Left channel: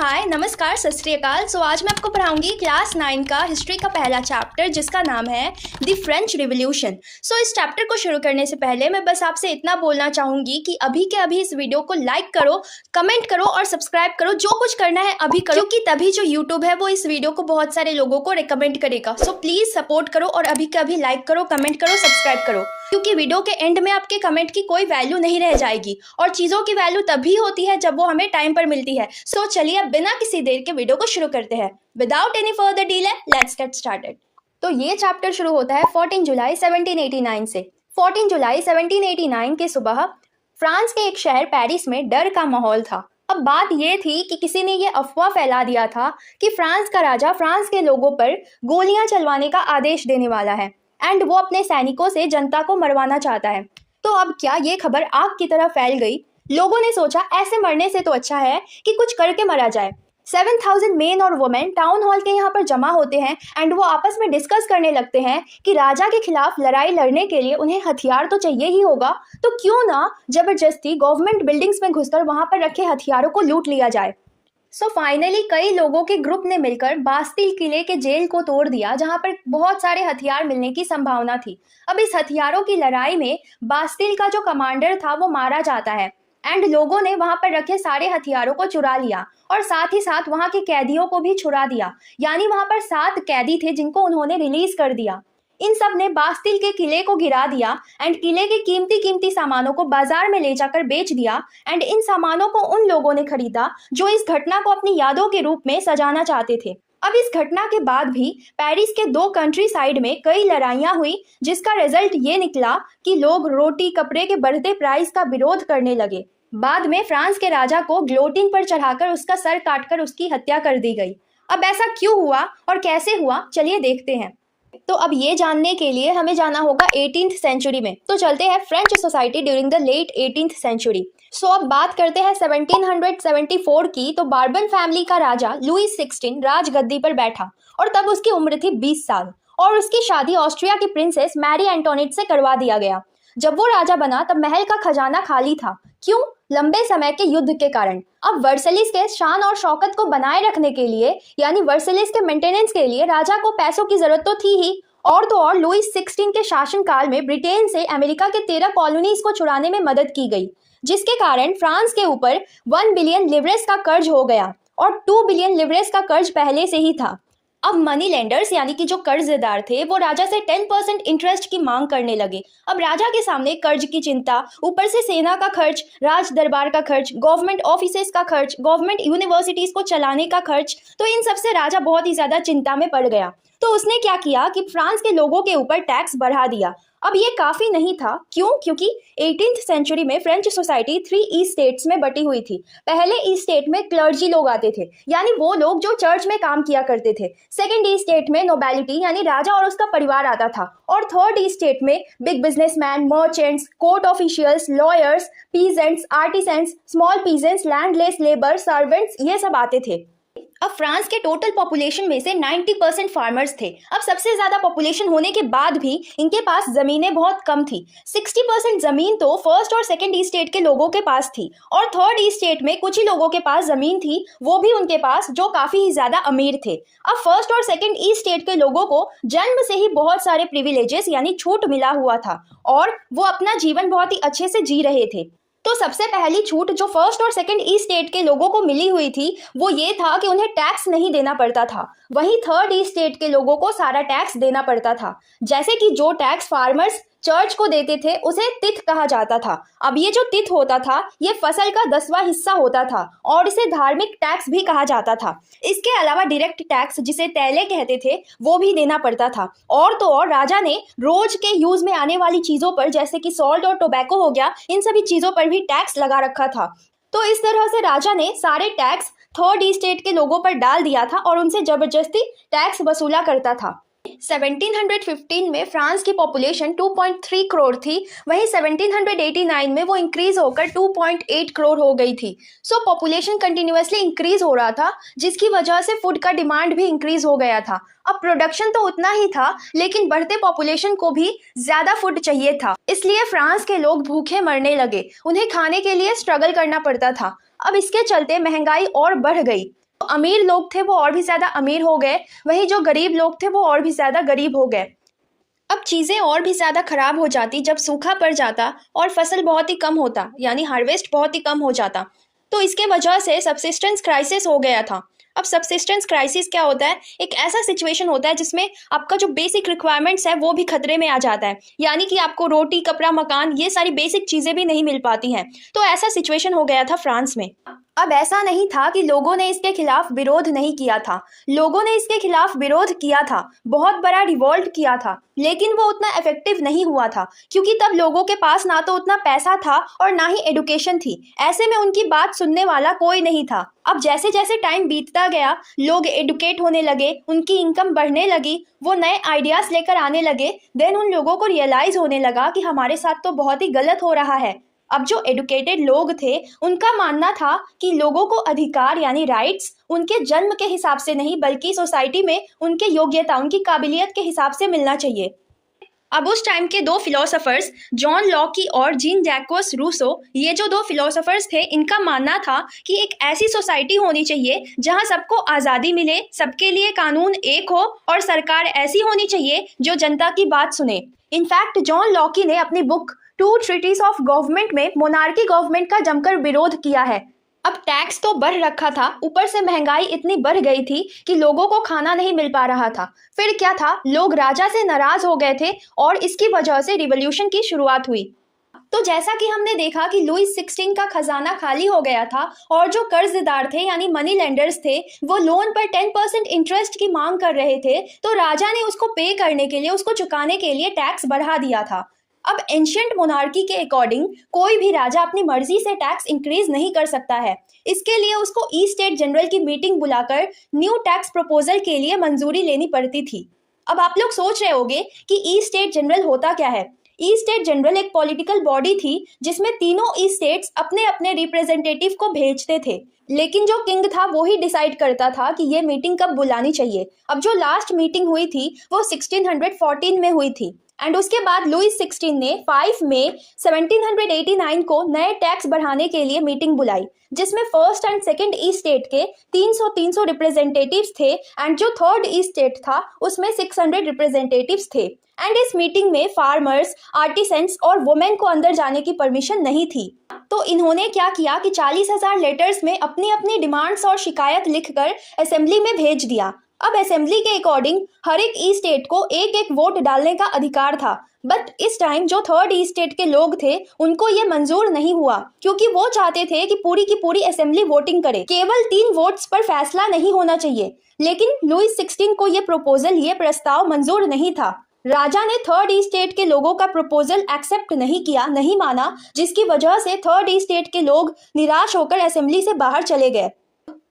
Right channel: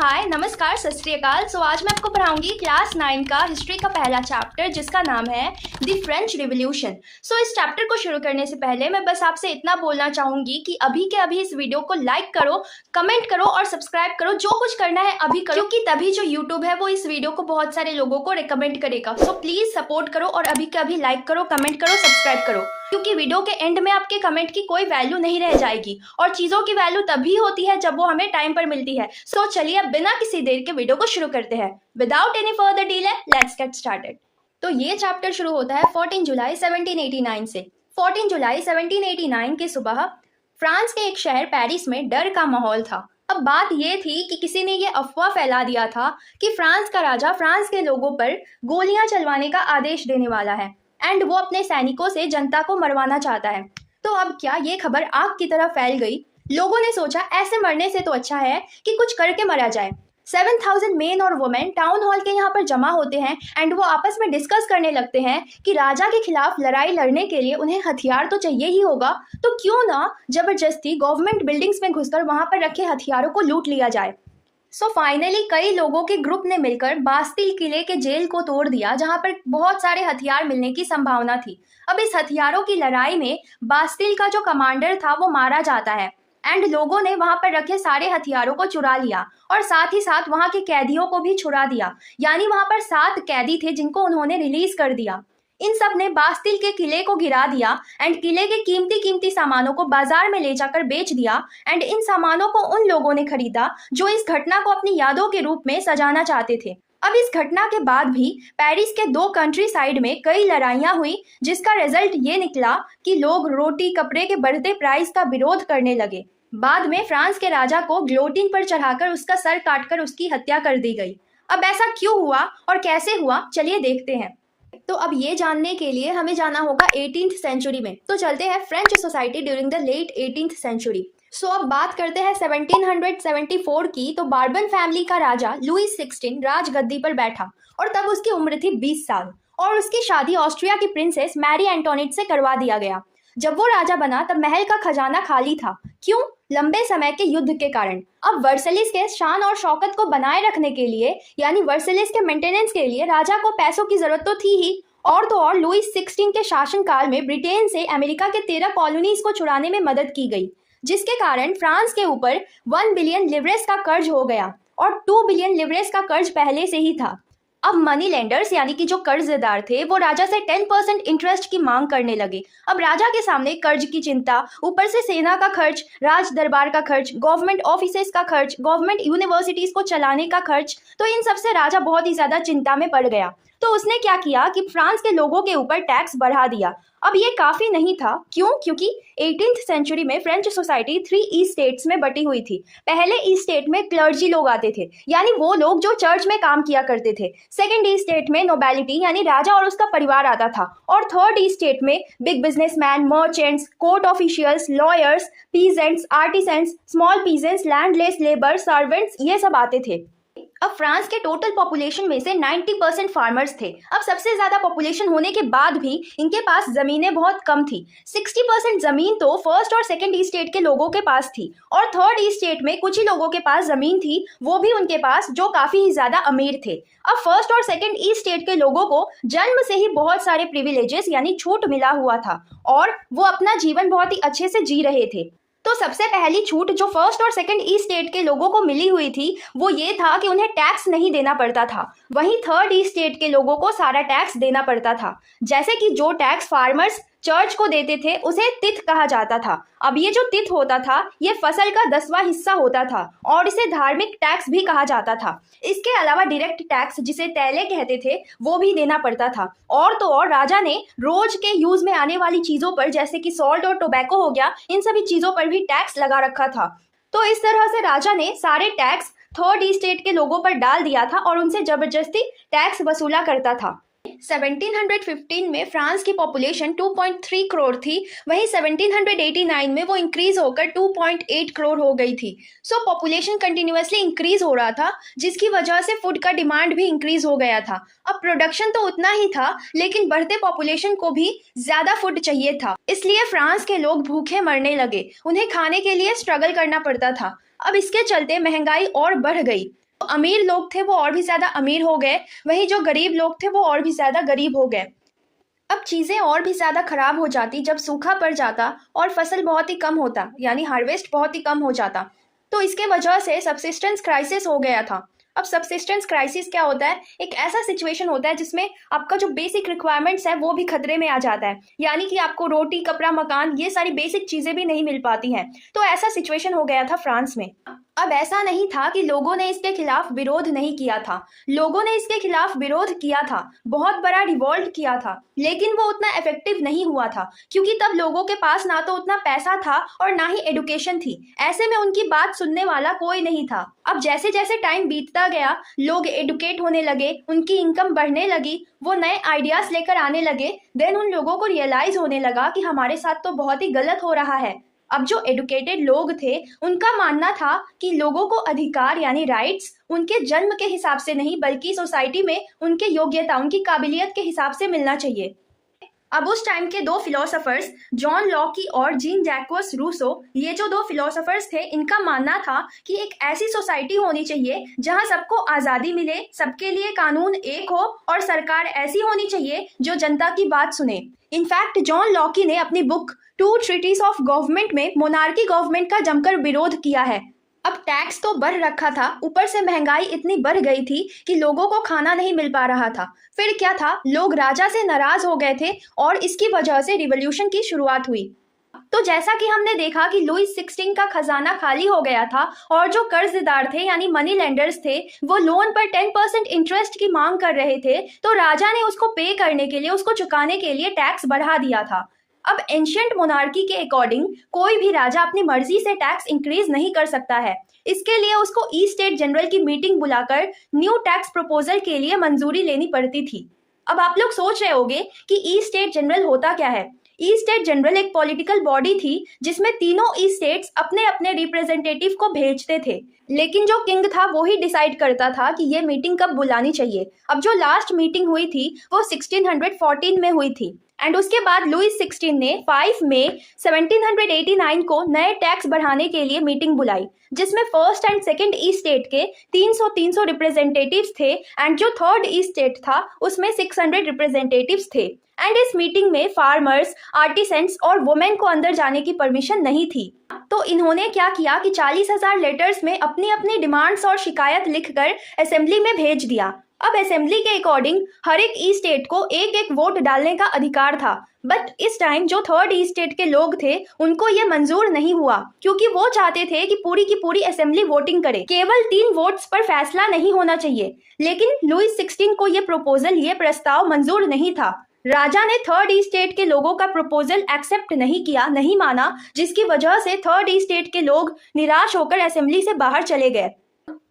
हाय नमस्कार सत श्री अकाल। आज मैं आपको पढ़ाऊंगी क्लास 9 का हिस्ट्री का पहला चैप्टर जिसका नाम है द फ्रेंच रिवॉल्यूशन। इस चैप्टर को शुरू करने से पहले मैं बस आपसे इतना बोलना चाहूंगी कि अभी के अभी इस वीडियो को लाइक करो, कमेंट करो और सब्सक्राइब करो। जो कुछ करना है अभी करो, क्योंकि तभी जो यूट्यूब है वो इस वीडियो को बहुत सारे लोगों को रिकमेंड करेगा। प्लीज सपोर्ट करो और अभी के अभी लाइक करो, कमेंट करो, सब्सक्राइब करो, क्योंकि वीडियो के एंड में आपके कमेंट की कोई वैल्यू नहीं रह जाएगी और चीजों की वैल्यू तभी होती है जब वो हमें टाइम पर मिलती है। चलिए अब बिना किसी देर के वीडियो को शुरू करते हैं। Without any further delay let's get started. तो ये चैप्टर शुरू होता है 14 जुलाई 1789 से। 14 जुलाई 1789 की सुबह फ्रांस के एक शहर पेरिस में डर का माहौल था। अब बात ये थी कि किसी ने ये अफवाह फैला दिया था कि फ्रांस का राजा फ्रांस के लोगों पर गोलियां चलवाने का आदेश देने वाला है एंड वो अपने सैनिकों से जनता को मरवाना चाहता है। तो अब क्या ये खबर आग की तरह फैल गई। लोगों ने सोचा ऐसे मरने से तो अच्छा है कि कुछ करके मरा जाए। 7000 मेन और वुमेन टाउन हॉल के यहाँ पर जमा होते हैं एंड वो आपस में डिस्कस करने लगते हैं कि राजा के खिलाफ लड़ाई लड़ने के लिए उन्हें हथियार तो चाहिए ही होगा, तो क्यों ना जबरदस्ती गवर्नमेंट बिल्डिंग्स में घुसकर वहां पर रखे हथियारों को लूट लिया जाए। फाइनली कई लोगों के ग्रुप ने मिलकर बास्तिल किले के जेल को तोड़ दिया, जहां पर बहुत सारे हथियार मिलने की संभावना थी। अब इस हथियारों की लड़ाई में बास्तिल का जो कमांडर था वो मारा जाता है एंड लोगों ने वहां पर रखे सारे हथियारों को चुरा लिया और साथ ही साथ वहां के कैदियों को भी छुड़ा दिया। यानी वहां पर 7 कैदी थे जिनको उन्होंने रिलीज कर दिया। इन सब ने बास्तिल के किले को गिरा दिया एंड किले के कीमती कीमती सामानों को बाजार में ले जाकर बेच दिया एंड इन सामानों को उन लोगों ने खरीदा जो इस घटना को अपनी यादों के रूप में सजाना चाहते थे। अब इस घटना के बाद भी पेरिस के 2 कंट्री साइड में कई लड़ाइयां हुई, जिसका रिजल्ट ये निकला कि लोग रोटी कपड़े के बढ़ते प्राइस का विरोध करने लगे। बाद में फ्रांस के राजा को ग्लोटिन पर चढ़ाकर उसका सर काटकर उसकी हत्या कर दी गई। अब ऐसा क्यों हुआ और कैसे हुआ, चलिए देखते हैं। तो अब ये जानने के लिए हमें जाना होगा 18th सेंचुरी में। तो चलते हैं French society during the late 18th century. अब बात करते हैं 1774 की। तो बार्बन फैमिली का राजा लुई 16 राजगद्दी पर बैठा और तब उसकी उम्र थी 20 साल और उसकी शादी ऑस्ट्रिया की प्रिंसेस मैरी एंटोनेट से करवा दिया गया। जब वो राजा बना तब महल का खजाना खाली था। क्यों? लंबे समय के युद्ध के कारण। अब वर्सलिस के शान और शौकत को बनाए रखने के लिए, यानी वर्सलिस के मेंटेनेंस के लिए राजा को पैसों की जरूरत तो थी ही, और तो और लुई 16 के शासनकाल में ब्रिटेन से अमेरिका के 13 कॉलोनीज को छुड़ाने में मदद की गई, जिसके कारण फ्रांस के ऊपर 1 बिलियन लिवरेस का कर्ज हो गया और 2 बिलियन लिवरेस का कर्ज पहले से ही था। अब मनी लेंडर्स यानी कि जो कर्जदार थे वो राजा से 10% इंटरेस्ट की मांग करने लगे। अब राजा के सामने कर्ज की चिंता, ऊपर से सेना का खर्च, राज दरबार का खर्च, गवर्नमेंट ऑफिसेस का खर्च, गवर्नमेंट यूनिवर्सिटीज को चलाने का खर्च, तो इन सब से राजा बहुत ही ज्यादा चिंता में पड़ गया। तो उसने क्या किया कि फ्रांस के लोगों के ऊपर टैक्स बढ़ा दिया। अब ये काफी नहीं था। क्यों? क्योंकि 18th सेंचुरी में फ्रेंच सोसाइटी 3 ईस्ट स्टेट्स में बटी हुई थी। पहले ईस्ट स्टेट में क्लर्जी लोग आते थे, यानी वो लोग जो चर्च में काम किया करते थे। सेकंड ईस्ट स्टेट में नोबेलिटी यानी राजा और उसका परिवार आता था और थर्ड ईस्ट स्टेट में big businessman, merchants, court officials, lawyers, peasants, artisans, small peasants, landless labour, servants, ये सब आते थे। अब फ्रांस के टोटल पॉपुलेशन में से 90% फार्मर्स थे। अब सबसे ज्यादा पॉपुलेशन होने के बाद भी इनके पास जमीनें बहुत कम थी। 60% जमीन तो फर्स्ट और सेकंड ईस्ट स्टेट के लोगों के पास थी और थर्ड ईस्ट स्टेट में कुछ ही लोगों के पास जमीन थी, वो भी उनके पास जो काफी ही ज्यादा अमीर थे। अब फर्स्ट और सेकंड ईस्ट स्टेट के लोगों को जन्म से ही बहुत सारे प्रिविलेजेस यानी छूट मिला हुआ था और वो अपना जीवन बहुत ही अच्छे से जी रहे थे। तो सबसे पहली छूट जो फर्स्ट और सेकंड ईस्ट स्टेट के लोगों को मिली हुई थी वो ये था कि उन्हें टैक्स नहीं देना पड़ता था। वहीं थर्ड ईस्ट स्टेट के लोगों को सारा टैक्स देना पड़ता था। जैसे कि जो टैक्स फार्मर्स चर्च को देते थे उसे तिथ कहा जाता था। अब ये जो तिथ होता था ये फसल का 10वां हिस्सा होता था और इसे धार्मिक टैक्स भी कहा जाता था। इसके अलावा डायरेक्ट टैक्स जिसे तैले कहते थे वो भी देना पड़ता था। और तो और राजा ने रोज के यूज में आने वाली चीजों पर जैसे कि सॉल्ट और टोबैको हो गया, इन सभी चीजों पर भी टैक्स लगा रखा था। तो इस तरह से राजा ने सारे टैक्स थर्ड ईस्ट स्टेट के लोगों पर डाल दिया था और उनसे जबरदस्ती टैक्स वसूला करता था। 1715 में फ्रांस की पॉपुलेशन 2.3 करोड़ थी, वहीं 1789 में वो इंक्रीज होकर 2.8 करोड़ हो गई थी। पॉपुलेशन कंटिन्यूअसली इंक्रीज हो रहा था, जिसकी वजह से फूड का डिमांड भी इंक्रीज हो गया था। अब प्रोडक्शन तो उतना ही था, लेकिन बढ़ते पॉपुलेशन को भी ज्यादा फूड चाहिए था, इसलिए फ्रांस के लोग भूखे मरने लगे। उन्हें खाने के लिए स्ट्रगल करना पड़ता था। अब इसके चलते महंगाई और बढ़ गई। अमीर लोग थे वो और भी ज़्यादा अमीर हो गए, वहीं जो गरीब लोग थे वो और भी ज़्यादा गरीब हो गए। अब चीज़ें और भी ज़्यादा खराब हो जाती जब सूखा पड़ जाता और फसल बहुत ही कम होता, यानी हार्वेस्ट बहुत ही कम हो जाता। तो इसके वजह से सब्सिस्टेंस क्राइसिस हो गया था। अब सब्सिस्टेंस क्राइसिस क्या होता है? एक ऐसा सिचुएशन होता है जिसमें आपका जो बेसिक रिक्वायरमेंट्स है वो भी खतरे में आ जाता है, यानी कि आपको रोटी, कपड़ा, मकान, ये सारी बेसिक चीज़ें भी नहीं मिल पाती हैं। तो ऐसा सिचुएशन हो गया था फ्रांस में। अब ऐसा नहीं था कि लोगों ने इसके खिलाफ विरोध नहीं किया था, लोगों ने इसके खिलाफ विरोध किया था, बहुत बड़ा रिवॉल्ट किया था, लेकिन वो उतना इफेक्टिव नहीं हुआ था, क्योंकि तब लोगों के पास ना तो उतना पैसा था और ना ही एडुकेशन थी। ऐसे में उनकी बात सुनने वाला कोई नहीं था। अब जैसे जैसे टाइम बीतता गया, लोग एडुकेट होने लगे, उनकी इनकम बढ़ने लगी, वो नए आइडियाज लेकर आने लगे। देन उन लोगों को रियलाइज होने लगा कि हमारे साथ तो बहुत ही गलत हो रहा है। अब जो एडुकेटेड लोग थे उनका मानना था कि लोगों को अधिकार यानी राइट्स उनके जन्म के हिसाब से नहीं, बल्कि सोसाइटी में उनके योग्यता, उनकी काबिलियत के हिसाब से मिलना चाहिए। अब उस टाइम के दो फिलोसोफर्स, जॉन लॉकी और जीन जैक्वस रूसो, ये जो दो फिलोसोफर्स थे, इनका मानना था कि एक ऐसी सोसाइटी होनी चाहिए जहां सबको आज़ादी मिले, सबके लिए कानून एक हो और सरकार ऐसी होनी चाहिए जो जनता की बात सुने। इनफैक्ट जॉन लॉकी ने अपनी book two treatises of government में मोनार्की गवर्नमेंट का जमकर विरोध किया है। अब टैक्स तो बढ़ रखा था, ऊपर से महंगाई इतनी बढ़ गई थी कि लोगों को खाना नहीं मिल पा रहा था। फिर क्या था, लोग राजा से नाराज हो गए थे और इसकी वजह से रिवॉल्यूशन की शुरुआत हुई। तो जैसा कि हमने देखा कि लुईस 16 का खजाना खाली हो गया था और जो कर्जदार थे यानी मनी लेंडर्स थे, वो लोन पर 10% इंटरेस्ट की मांग कर रहे थे, तो राजा ने उसको पे करने के लिए, उसको चुकाने के लिए टैक्स बढ़ा दिया था। अब एंशियंट मोनार्की के अकॉर्डिंग कोई भी राजा अपनी मर्जी से टैक्स इंक्रीज नहीं कर सकता है। इसके लिए उसको ई स्टेट जनरल की मीटिंग बुलाकर न्यू टैक्स प्रपोजल के लिए मंजूरी लेनी पड़ती थी। अब आप लोग सोच रहे होंगे कि ई स्टेट जनरल होता क्या है। ई स्टेट जनरल एक पॉलिटिकल बॉडी थी जिसमें तीनों ई स्टेट्स अपने अपने रिप्रेजेंटेटिव को भेजते थे, लेकिन जो किंग था वो ही डिसाइड करता था कि ये मीटिंग कब बुलानी चाहिए। अब जो लास्ट मीटिंग हुई थी वो 1614 में हुई थी एंड उसके बाद लुईस 16 ने 5 मई 1789 को नए टैक्स बढ़ाने के लिए मीटिंग बुलाई, जिसमें first and second E state के 300 रिप्रेजेंटेटिव्स थे एंड जो थर्ड ई स्टेट था उसमें 600 रिप्रेजेंटेटिव्स थे। एंड इस मीटिंग में फार्मर्स, आर्टिसंस और वुमेन को अंदर जाने की परमिशन नहीं थी। तो इन्होंने क्या किया कि 40,000 लेटर्स में अपनी अपनी डिमांड्स और शिकायत लिखकर असेंबली में भेज दिया। अब असेंबली के अकॉर्डिंग हर एक ई स्टेट को एक एक वोट डालने का अधिकार था, बट इस टाइम जो थर्ड ई स्टेट के लोग थे उनको ये मंजूर नहीं हुआ, क्योंकि वो चाहते थे कि पूरी की पूरी असेंबली वोटिंग करे, केवल 3 वोट्स पर फैसला नहीं होना चाहिए। लेकिन लुईस 16 को ये प्रपोजल, ये प्रस्ताव मंजूर नहीं था। राजा ने थर्ड ई स्टेट के लोगों का प्रपोजल एक्सेप्ट नहीं किया, नहीं माना, जिसकी वजह से थर्ड ई स्टेट के लोग निराश होकर असेंबली से बाहर चले गए।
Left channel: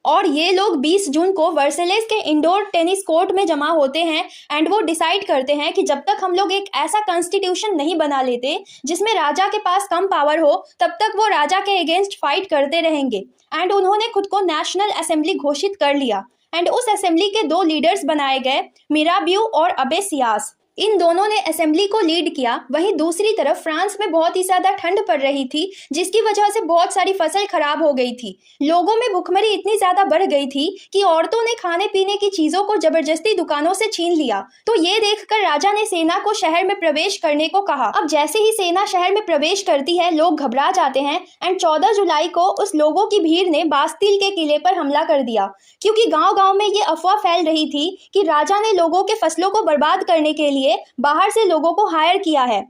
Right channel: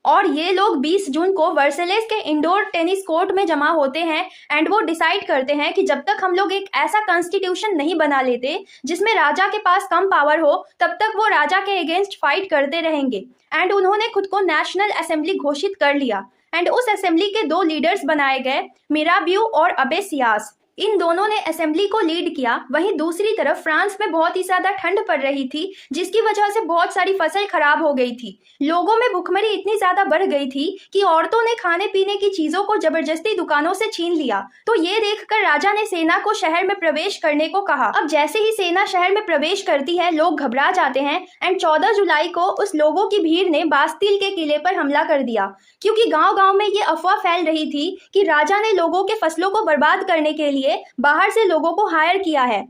और ये लोग 20 जून को वर्सेलेस के इंडोर टेनिस कोर्ट में जमा होते हैं एंड वो डिसाइड करते हैं कि जब तक हम लोग एक ऐसा कॉन्स्टिट्यूशन नहीं बना लेते जिसमें राजा के पास कम पावर हो, तब तक वो राजा के अगेंस्ट फाइट करते रहेंगे। एंड उन्होंने खुद को नेशनल असेंबली घोषित कर लिया एंड उस असेंबली के 2 लीडर्स बनाए गए, मिराबियो और अबे सियास। इन दोनों ने असेंबली को लीड किया। वहीं दूसरी तरफ फ्रांस में बहुत ही ज्यादा ठंड पड़ रही थी, जिसकी वजह से बहुत सारी फसल खराब हो गई थी। लोगों में भुखमरी इतनी ज्यादा बढ़ गई थी कि औरतों ने खाने पीने की चीजों को जबरदस्ती दुकानों से छीन लिया। तो ये देखकर राजा ने सेना को शहर में प्रवेश करने को कहा। अब जैसे ही सेना शहर में प्रवेश करती है, लोग घबरा जाते हैं एंड 14 जुलाई को उस लोगों की भीड़ ने बास्तील के किले पर हमला कर दिया, क्योंकि गाँव-गाँव में ये अफवाह फैल रही थी कि राजा ने लोगों के फसलों को बर्बाद करने के लिए बाहर से लोगों को हायर किया है।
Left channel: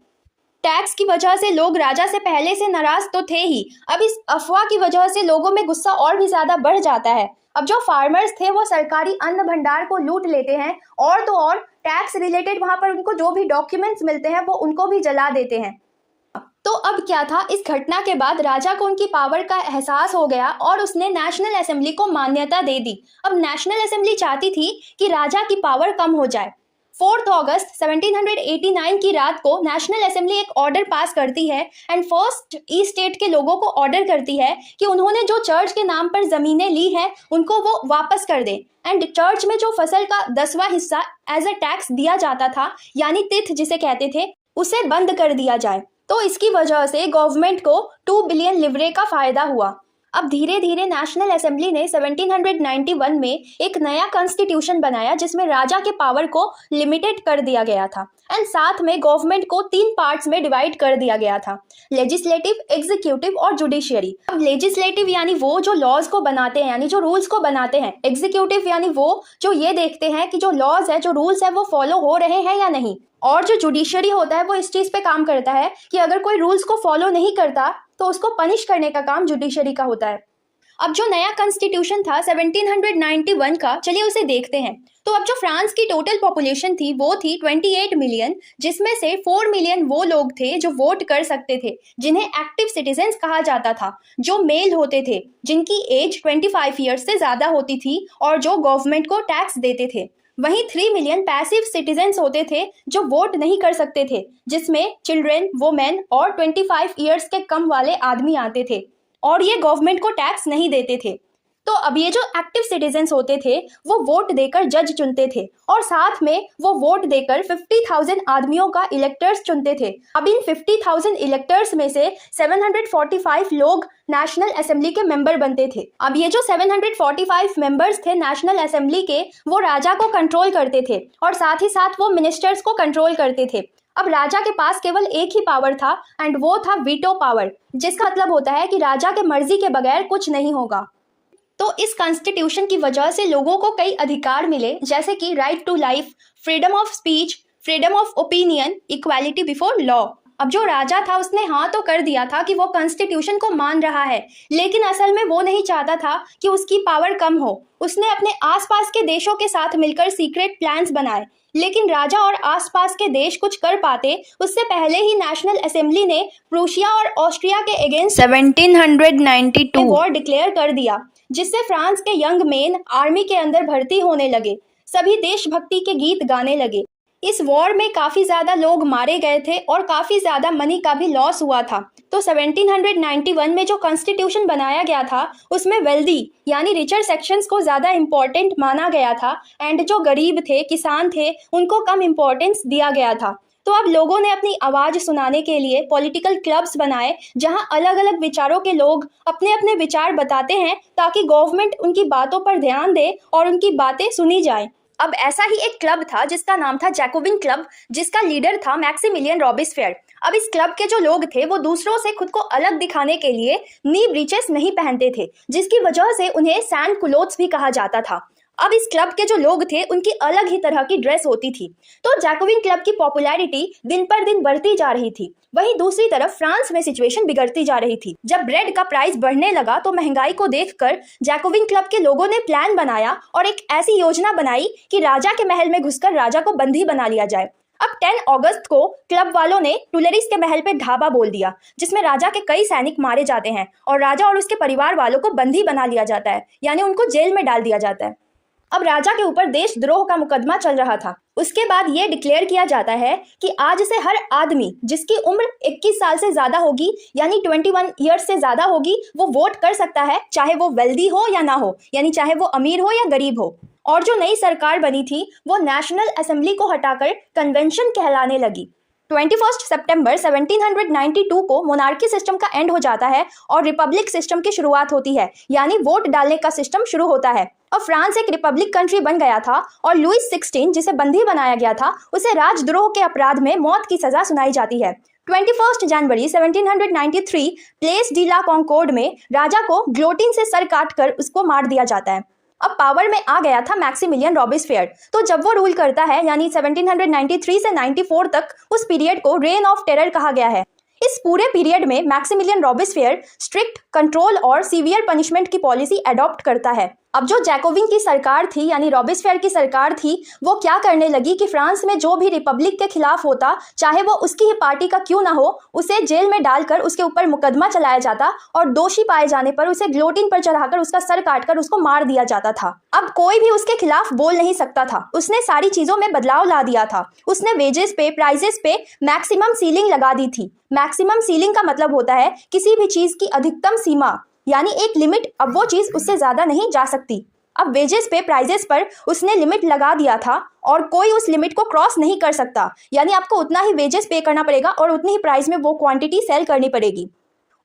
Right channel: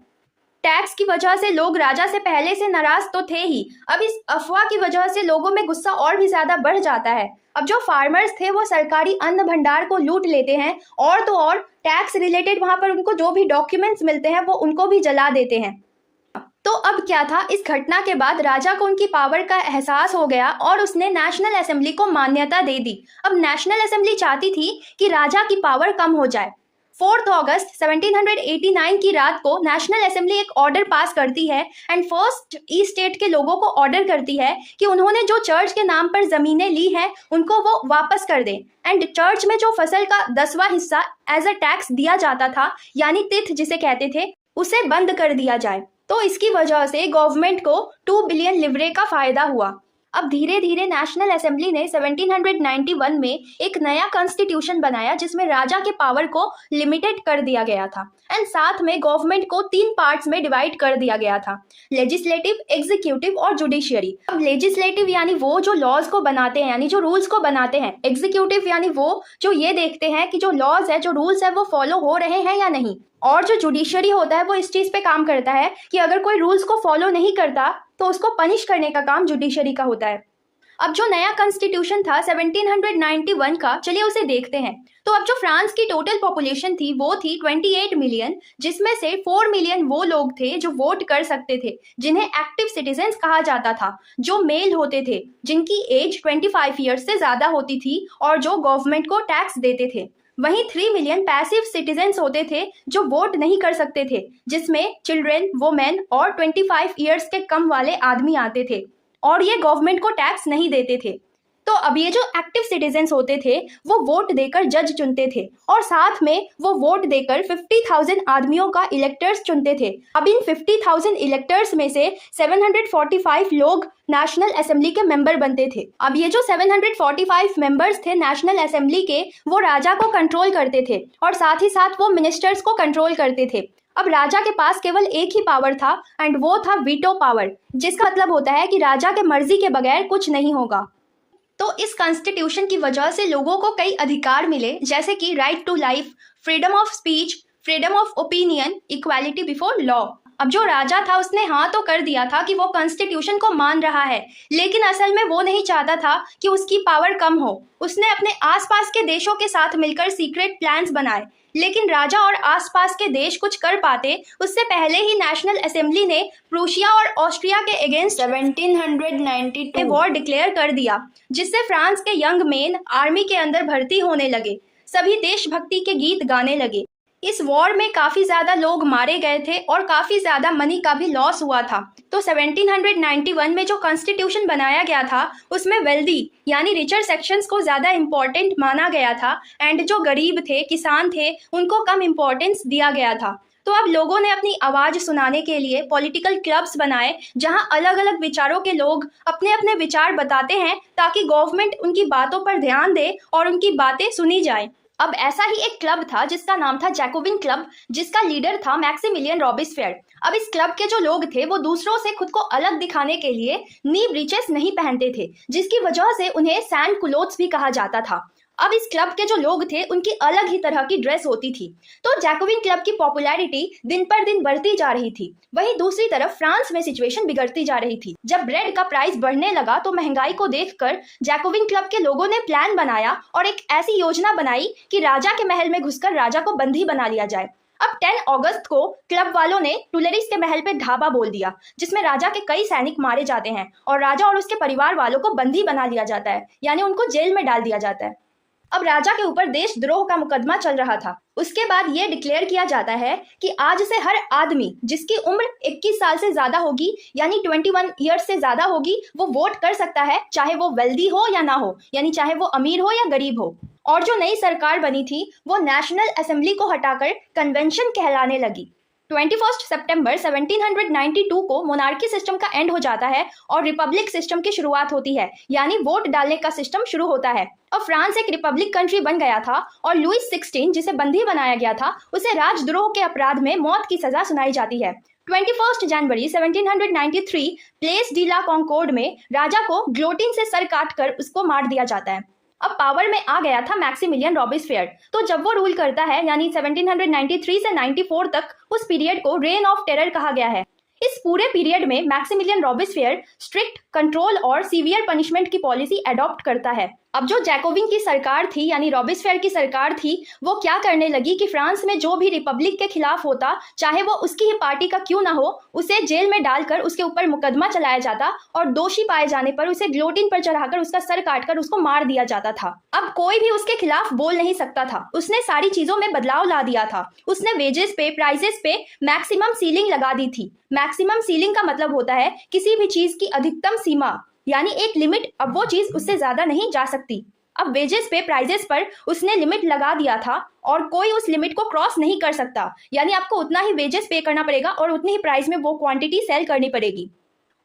टैक्स की वजह से लोग राजा से पहले से नाराज तो थे ही, अब इस अफवाह की वजह से लोगों में गुस्सा और भी ज्यादा बढ़ जाता है। अब जो फार्मर्स थे वो सरकारी अन्न भंडार को लूट लेते हैं और तो और टैक्स रिलेटेड वहां पर उनको जो भी डॉक्यूमेंट्स मिलते हैं वो उनको भी जला देते हैं। तो अब क्या था, इस घटना के बाद राजा को उनकी पावर का एहसास हो गया और उसने नेशनल असेंबली को मान्यता दे दी। अब नेशनल असेंबली चाहती थी कि राजा की पावर कम हो जाए। 4 अगस्त 1789 की रात को नेशनल असेंबली एक ऑर्डर पास करती है एंड फर्स्ट ई स्टेट के लोगों को ऑर्डर करती है कि उन्होंने जो चर्च के नाम पर जमीनें ली हैं उनको वो वापस कर दें एंड चर्च में जो फसल का 10वां हिस्सा एज अ टैक्स दिया जाता था, यानी तिथ जिसे कहते थे, उसे बंद कर दिया जाए। तो इसकी वजह से गवर्नमेंट को 2 बिलियन लिवरे का फायदा हुआ। अब धीरे धीरे नेशनल असेंबली ने 1791 में एक नया कॉन्स्टिट्यूशन बनाया जिसमें राजा के पावर को लिमिटेड कर दिया गया था एंड साथ में गवर्नमेंट को 3 पार्ट्स में डिवाइड कर दिया गया था, लेजिस्लेटिव, एग्जीक्यूटिव और जुडिशियरी। अब लेजिस्लेटिव यानी वो जो लॉज को बनाते हैं, यानी जो रूल्स को बनाते हैं। एग्जीक्यूटिव यानी वो जो ये देखते हैं कि जो लॉज है, जो रूल्स है वो फॉलो हो रहे हैं या नहीं। और जो जुडिशरी होता है वो इस चीज पे काम करता है कि अगर कोई रूल्स को फॉलो नहीं करता तो उसको पनिश करने का काम जुडिशरी का होता है। अब जो नया कॉन्स्टिट्यूशन था 1791 का, चलिए उसे देखते हैं। तो अब जो फ्रांस की टोटल पॉपुलेशन थी वो थी 28 मिलियन, जिसमें से 4 मिलियन वो लोग थे जो वोट कर सकते थे, जिन्हें एक्टिव सिटीजन्स कहा जाता था, जो मेल होते थे, जिनकी एज 25 ईयर्स से ज्यादा होती थी और जो गवर्नमेंट को टैक्स देते थे। वहीं 3 मिलियन पैसिव सिटीजन्स होते थे जो वोट नहीं कर सकते थे, जिसमें चिल्ड्रेन, वुमेन और 25 ईयर्स के कम वाले आदमी आते थे और ये गवर्नमेंट को टैक्स नहीं देते थे। तो अब ये जो एक्टिव सिटीजन्स होते थे वो वोट देकर जज चुनते थे और साथ में वो वोट देकर 50,000 आदमियों का इलेक्टर्स चुनते थे। अब इन 50,000 इलेक्टर्स में से 745 लोग नेशनल असेंबली के मेंबर बनते थे। अब ये जो 745 मेंबर्स थे नेशनल असेंबली के, वो राजा को कंट्रोल करते थे और साथ ही साथ वो मिनिस्टर्स को कंट्रोल करते थे। अब राजा के पास केवल एक ही पावर था एंड वो था वीटो पावर, जिसका मतलब होता है कि राजा के मर्जी के बगैर कुछ नहीं होगा। तो इस कॉन्स्टिट्यूशन की वजह से लोगों को कई अधिकार मिले, जैसे कि right to life, freedom of speech, freedom of opinion, equality before law. अब जो राजा था उसने हाँ तो कर दिया था कि वो कॉन्स्टिट्यूशन को मान रहा है, लेकिन असल में वो नहीं चाहता था कि उसकी पावर कम हो। उसने अपने आसपास के देशों के साथ मिलकर सीक्रेट प्लान्स बनाए, लेकिन राजा और आसपास के देश कुछ कर पाते उससे पहले ही नेशनल असेंबली ने प्रूशिया और ऑस्ट्रिया के अगेंस्ट 1792 वॉर डिक्लेयर कर दिया, जिससे फ्रांस के यंग मेन आर्मी के अंदर भर्ती होने लगे, सभी देशभक्ति के गीत गाने लगे। इस वॉर में काफी ज्यादा लोग मारे गए थे और काफी ज्यादा मनी का भी लॉस हुआ था। तो 1791 में जो कॉन्स्टिट्यूशन बनाया गया था उसमें वेल्दी यानी रिचर सेक्शंस को ज्यादा इम्पोर्टेंट माना गया था एंड जो गरीब थे, किसान थे, उनको कम इम्पोर्टेंस दिया गया था। तो अब लोगों ने अपनी आवाज सुनाने के लिए पॉलिटिकल क्लब्स बनाए, जहां अलग अलग विचारों के लोग अपने अपने विचार बताते हैं ताकि गवर्नमेंट उनकी बातों पर ध्यान दे और उनकी बातें सुनी जाए। अब ऐसा ही एक क्लब था जिसका नाम था जैकोबिन क्लब, जिसका लीडर था मैक्सिमिलियन रॉबिस्फेयर। अब इस क्लब के जो लोग थे वो दूसरों से खुद को अलग दिखाने के लिए नी ब्रीचेस नहीं पहनते थे, जिसकी वजह से उन्हें सैंड क्लोथ्स भी कहा जाता था। अब इस क्लब के जो लोग थे उनकी अलग ही तरह की ड्रेस होती थी। तो जैकोबिन क्लब की पॉपुलैरिटी दिन पर दिन बढ़ती जा रही थी। वहीं दूसरी तरफ फ्रांस में सिचुएशन बिगड़ती जा रही थी। जब ब्रेड का प्राइस बढ़ने लगा तो महंगाई को देखकर जैकोबिन क्लब के लोगों ने प्लान बनाया और एक ऐसी योजना बनाई कि राजा के महल में घुसकर राजा को बंदी बना लिया जाए। अब 10 अगस्त को क्लब वालों ने टुलेरिस के महल पे धावा बोल दिया, जिसमें राजा के कई सैनिक मारे जाते हैं और राजा और उसके परिवार वालों को बंदी बना लिया जाता है, यानी उनको जेल में डाल दिया जाता है। अब राजा के ऊपर देशद्रोह का मुकदमा चल रहा था। उसके बाद ये डिक्लेयर किया जाता है कि आज से हर आदमी जिसकी उम्र 21 साल से ज्यादा होगी, यानी 21 ईयर्स से ज्यादा होगी, वो वोट कर सकता है, चाहे वो वेल्दी हो या ना हो, यानी चाहे वो अमीर हो या गरीब हो। और जो नई सरकार बनी थी वो नेशनल असेंबली को हटाकर कन्वेंशन कहलाने लगी। 21 सितंबर 1792 को मोनार्की सिस्टम का एंड हो जाता है और रिपब्लिक सिस्टम की शुरुआत होती है, यानी वोट डालने का सिस्टम शुरू होता है। अब फ्रांस एक रिपब्लिक कंट्री बन गया था और लुइस 16 जिसे बंदी बनाया गया था उसे राजद्रोह के अपराध में मौत की सजा सुनाई जाती है। 21 जनवरी 1793 प्लेस डी ला कॉन्कोर्ड में राजा को ग्लोटिन से सर काटकर उसको मार दिया जाता है। अब पावर में आ गया था मैक्सिमिलियन रॉबिस्फेयर। तो जब वो रूल करता है, यानी 1793 से 94 तक, उस पीरियड को रेन ऑफ टेरर कहा गया है। इस पूरे पीरियड में मैक्सिमिलियन रॉबिस्फेयर स्ट्रिक्ट कंट्रोल और सीवियर पनिशमेंट की पॉलिसी अडॉप्ट करता है। अब जो जैकोबिन की सरकार थी, यानी रॉबिस्फेयर की सरकार थी, वो क्या करने लगी कि फ्रांस में जो भी रिपब्लिक के खिलाफ होता, चाहे वो उसकी ही पार्टी का क्यों ना हो, उसे जेल में डालकर उसके ऊपर मुकदमा चलाया जाता और दोषी पाए जाने पर उसे ग्लोटिन पर चढ़ाकर उसका सर काटकर उसको मार दिया जाता था। अब कोई भी उसके खिलाफ बोल नहीं सकता था। उसने सारी चीजों में बदलाव ला दिया था। उसने वेजेस पे, प्राइजेस पे मैक्सिमम सीलिंग लगा दी थी। मैक्सिमम सीलिंग का मतलब होता है किसी भी चीज की अधिकतम सीमा, यानी एक लिमिट। अब वो चीज उससे ज्यादा नहीं जा सकती। अब वेजेस पे, प्राइजेस पर उसने लिमिट लगा दिया था और कोई उस लिमिट को क्रॉस नहीं कर सकता, यानी आपको उतना ही वेजेस पे करना पड़ेगा और उतनी ही प्राइस में वो क्वांटिटी सेल करनी पड़ेगी।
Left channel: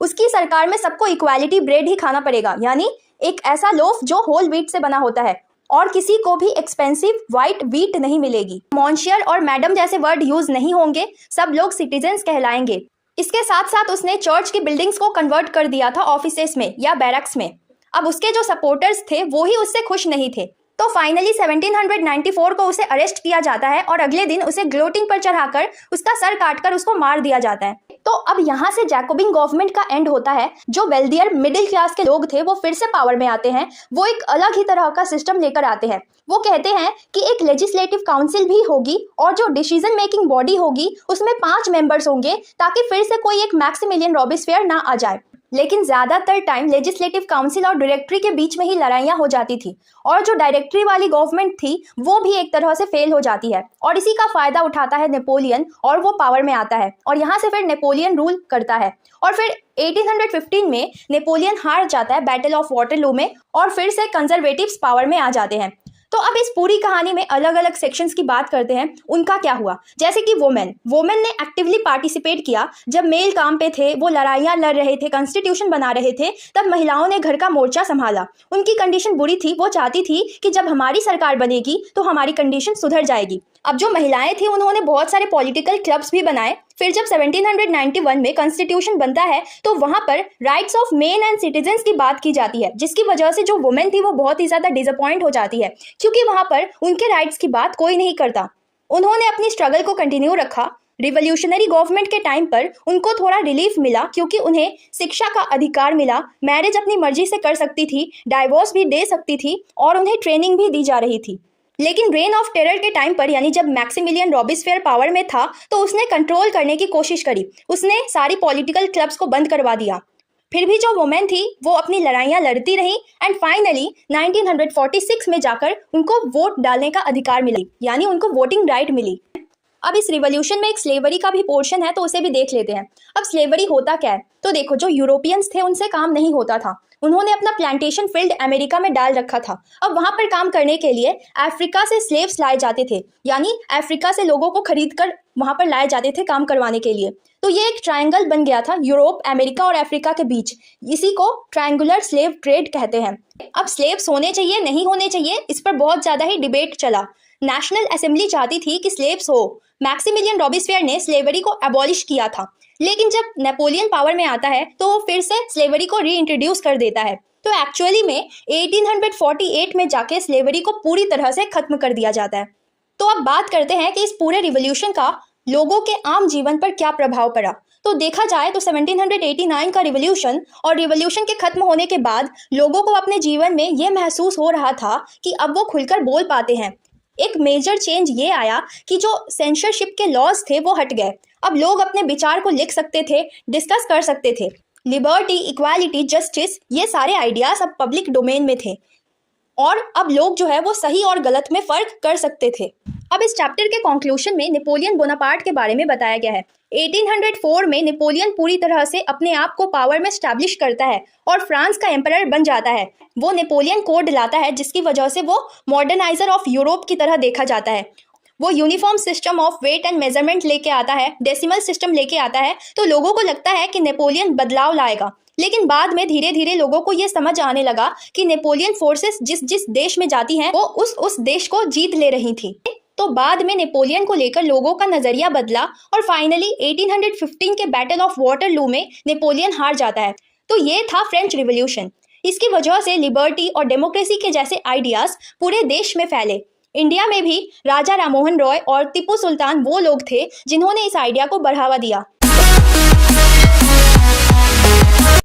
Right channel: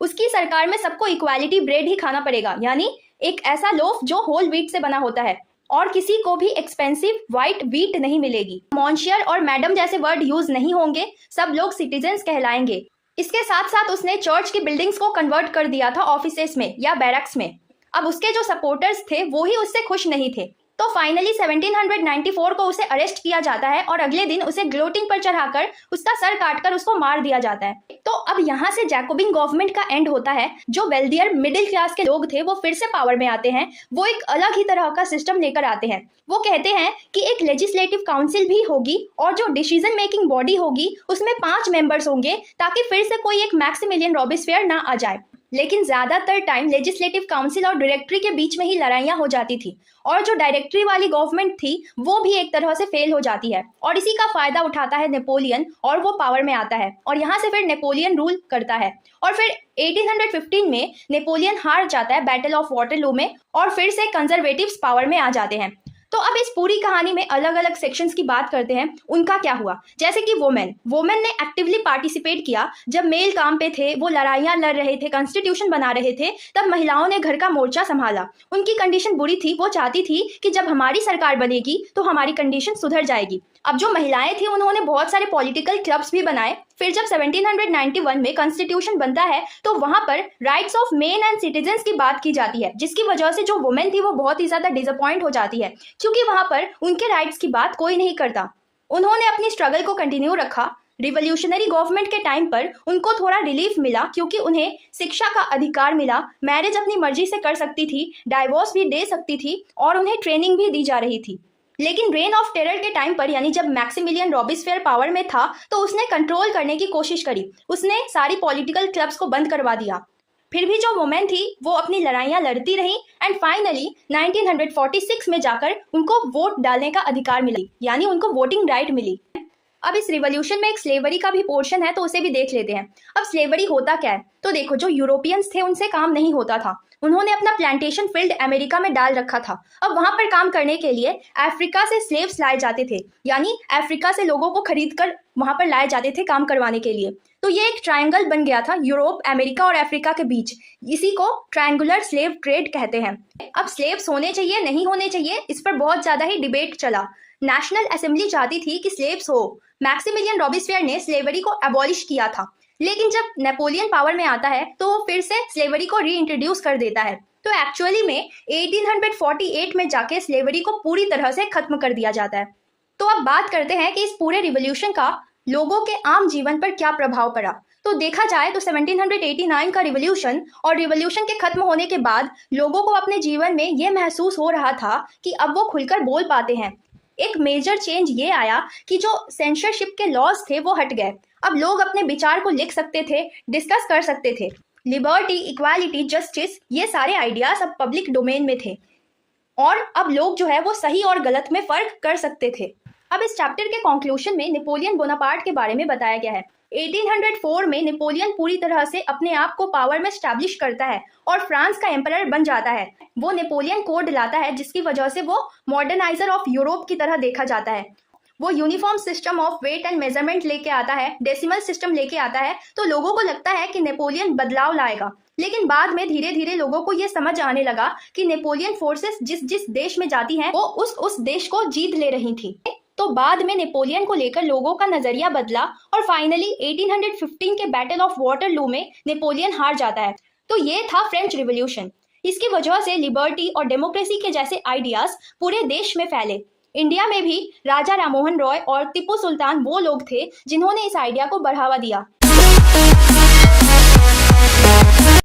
उसकी सरकार में सबको इक्वालिटी ब्रेड ही खाना पड़ेगा, यानी एक ऐसा लोफ जो होल व्हीट से बना होता है, और किसी को भी एक्सपेंसिव व्हाइट व्हीट नहीं मिलेगी। मॉन्शियर और मैडम जैसे वर्ड यूज नहीं होंगे, सब लोग सिटीजन्स कहलाएंगे। इसके साथ साथ उसने चर्च की बिल्डिंग्स को कन्वर्ट कर दिया था ऑफिसेस में या बैरक्स में। अब उसके जो सपोर्टर्स थे वो ही उससे खुश नहीं थे, तो फाइनली 1794 को उसे अरेस्ट किया जाता है और अगले दिन उसे ग्लोटिंग पर चढ़ाकर उसका सर काटकर उसको मार दिया जाता है। तो अब यहाँ से जैकोबिन गवर्नमेंट का एंड होता है। जो वेल्दियर मिडिल क्लास के लोग थे वो फिर से पावर में आते हैं। वो एक अलग ही तरह का सिस्टम लेकर आते हैं। वो कहते हैं कि एक लेजिस्लेटिव काउंसिल भी होगी और जो डिसीजन मेकिंग बॉडी होगी उसमें 5 मेंबर्स होंगे, ताकि फिर से कोई एक मैक्सिमिलियन रॉबेस्पियर ना आ जाए। लेकिन ज्यादातर टाइम लेजिस्लेटिव काउंसिल और डायरेक्टरी के बीच में ही लड़ाइयां हो जाती थी, और जो डायरेक्टरी वाली गवर्नमेंट थी वो भी एक तरह से फेल हो जाती है, और इसी का फायदा उठाता है नेपोलियन और वो पावर में आता है, और यहाँ से फिर नेपोलियन रूल करता है। और फिर 1815 में नेपोलियन हार जाता है बैटल ऑफ वाटरलू में, और फिर से कंजर्वेटिव्स पावर में आ जाते हैं। तो अब इस पूरी कहानी में अलग अलग सेक्शंस की बात करते हैं, उनका क्या हुआ। जैसे कि वोमेन ने एक्टिवली पार्टिसिपेट किया। जब मेल काम पे थे, वो लड़ाइयां लड़ रहे थे, कॉन्स्टिट्यूशन बना रहे थे, तब महिलाओं ने घर का मोर्चा संभाला। उनकी कंडीशन बुरी थी, वो चाहती थी कि जब हमारी सरकार बनेगी तो हमारी कंडीशन सुधर जाएगी। अब जो महिलाएं थी उन्होंने बहुत सारे पॉलिटिकल क्लब्स भी बनाए। फिर जब 1791 में कॉन्स्टिट्यूशन बनता है तो वहां पर rights of main and citizens की बात की जाती है, जिसकी वजह से जो वुमेन थी वो बहुत ही ज्यादा डिसअपॉइंट हो जाती है, क्योंकि वहां पर उनके राइट्स की बात कोई नहीं करता। उन्होंने अपनी स्ट्रगल को कंटिन्यू रखा। रिवोल्यूशनरी गवर्नमेंट के टाइम पर उनको थोड़ा रिलीफ मिला, क्योंकि उन्हें शिक्षा का अधिकार मिला, मैरिज अपनी मर्जी से कर सकती थी, डाइवोर्स भी दे सकती थी, और उन्हें ट्रेनिंग भी दी जा रही थी। लेकिन रेन ऑफ टेरर के टाइम पर, यानी जब मैक्सिमिलियन रॉबेस्पियर पावर में था, तो उसने कंट्रोल करने की कोशिश करी। उसने सारी पॉलिटिकल क्लब्स को बंद करवा दिया। फिर भी जो वुमेन थी वो अपनी लड़ाइयां लड़ती रही, एंड फाइनली 1946 में जाकर उनको वोट डालने का अधिकार मिला, यानी उनको वोटिंग राइट मिली। अब इस रिवॉल्यूशन में एक स्लेवरी का भी पोर्शन है, तो उसे भी देख लेते हैं। अब स्लेवरी होता क्या है, तो देखो, जो यूरोपियंस थे उनसे काम नहीं होता था। उन्होंने अपना प्लांटेशन फील्ड अमेरिका में डाल रखा था। अब वहां पर काम करने के लिए अफ्रीका से स्लेव्स लाए जाते थे, यानी अफ्रीका से लोगों को खरीद कर वहां पर लाए जाते थे काम करवाने के लिए। तो ये एक ट्रायंगल बन गया था यूरोप, अमेरिका और अफ्रीका के बीच। इसी को ट्रायंगुलर स्लेव ट्रेड कहते हैं। अब स्लेव्स होने चाहिए नहीं होने चाहिए, इस पर बहुत ज्यादा ही डिबेट चला। नेशनल असेंबली चाहती थी कि स्लेव्स हो। मैक्सिमिलियन रॉबेस्पियर ने स्लेवरी को एबॉलिश किया था, लेकिन जब नेपोलियन पावर में आता है तो वो फिर से स्लेवरी को रीइंट्रोड्यूस कर देता है। तो एक्चुअली में 1848 में जाके स्लेवरी को पूरी तरह से खत्म कर दिया जाता है। तो अब बात करते हैं कि इस पूरे रिवॉल्यूशन का लोगों के आम जीवन पर क्या प्रभाव पड़ा। तो देखा जाए तो 1789 का रिवॉल्यूशन और रिवॉल्यूशन के खत्म होने के बाद लोगों को अपने जीवन में ये महसूस हो रहा था कि अब वो खुलकर बोल पाते हैं। एक मेजर चेंज ये आया कि जो सेंसरशिप के लॉज थे वो हट गए। अब लोग अपने विचार को लिख सकते थे, डिस्कस कर सकते थे। लिबर्टी, इक्वालिटी, जस्टिस, ये सारे आइडियाज अब पब्लिक डोमेन में थे, और अब लोग जो है वो सही और गलत में फर्क कर सकते थे। अब इस चैप्टर के कंक्लूजन में नेपोलियन बोनापार्ट के बारे में बताया गया है। 1804 में नेपोलियन पूरी तरह से अपने आप को पावर में स्टैब्लिश करता है और फ्रांस का एम्परर बन जाता है। वो नेपोलियन कोड लाता है, जिसकी वजह से वो मॉडर्नाइजर ऑफ यूरोप की तरह देखा जाता है। वो uniform system of weight and measurement लेके आता है, डेसिमल सिस्टम लेके आता है। तो लोगों को लगता है कि नेपोलियन बदलाव लाएगा, लेकिन बाद में धीरे धीरे लोगों को ये समझ आने लगा कि नेपोलियन फोर्सेस जिस जिस देश में जाती हैं वो उस देश को जीत ले रही थी। तो बाद में नेपोलियन को लेकर लोगों का नजरिया बदला, और फाइनली 1815 के बैटल ऑफ वाटरलू में नेपोलियन हार जाता है। तो ये था फ्रेंच रिवॉल्यूशन। इसकी वजह से लिबर्टी और डेमोक्रेसी के जैसे आइडियाज पूरे देश में फैले। इंडिया में भी राजा राममोहन रॉय और टीपू सुल्तान वो लोग थे जिन्होंने इस आइडिया को बढ़ावा दिया।